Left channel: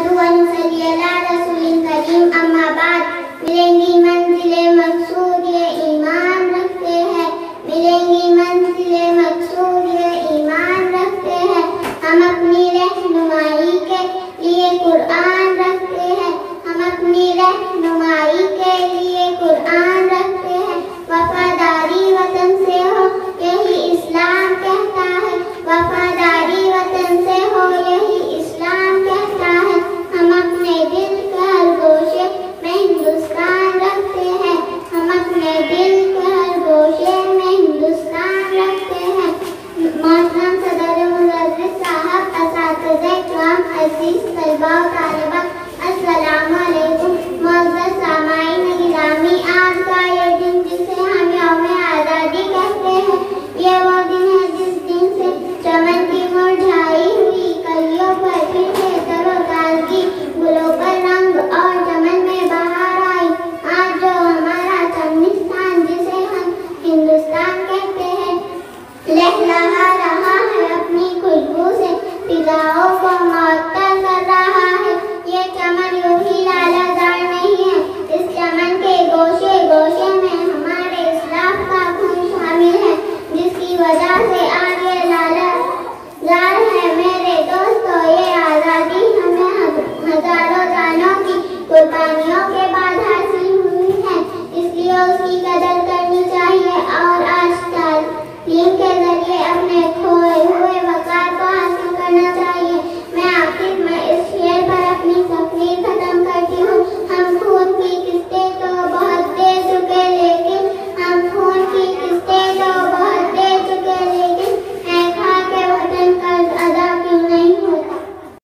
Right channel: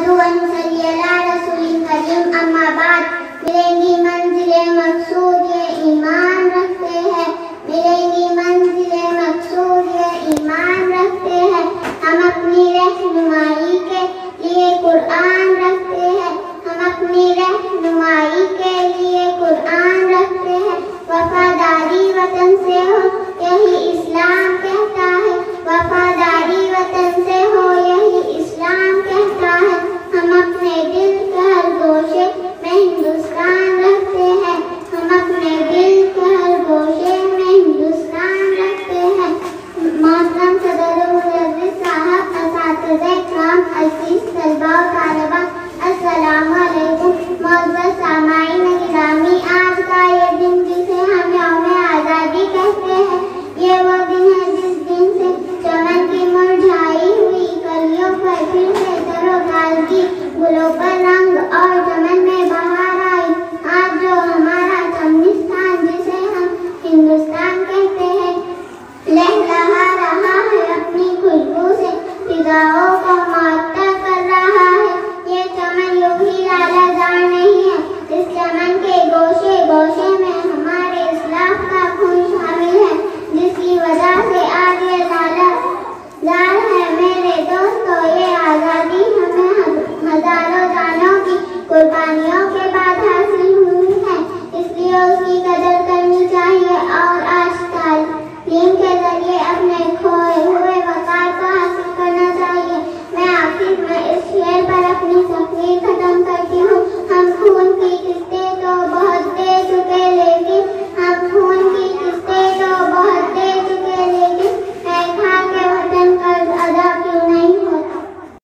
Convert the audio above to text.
नहमदुहु व नुसल्ली अला रसूलिल करीम, अम्मा बाद। मिलेंगी मंजिले मकसूद ये ईमान रखते हैं, मिलेंगी मंजिले मकसूद ये ईमान रखते हैं। हम अपनी रहनुमाई के लिए कुरान रखते हैं, हम अपनी रहनुमाई के लिए कुरान रखते हैं। वफादारी वतन से हो यही इस्लाम कहता है, वफादारी वतन से हो यही इस्लाम कहता है। हम अपने दिल के हर गोशे में हिंदुस्तान रखते हैं, हम अपने दिल के हर गोशे में हिंदुस्तान रखते हैं। मोहतरम सदर मुदर्रिस साहब, असातिज़े इकराम, अज़ीज़ तलबा व तालिबात, अस्सलामु अलैकुम। मुअज़्ज़ज़ सामाईन गिरामी, आज का ये दिन जिसे हम यौम आज़ादी कहते हैं, ये वो दिन है जिस दिन से चमन की मुरझाई हुई कलियों पर फिर से तरोताज़गी, गुलों पर रंग और चमन में बहार आई। आज जो हमारा चमनिस्तान जिसे हम हिंदुस्तान कहते हैं, लहलहा रहा है अपनी खुशबू से, फिज़ाओं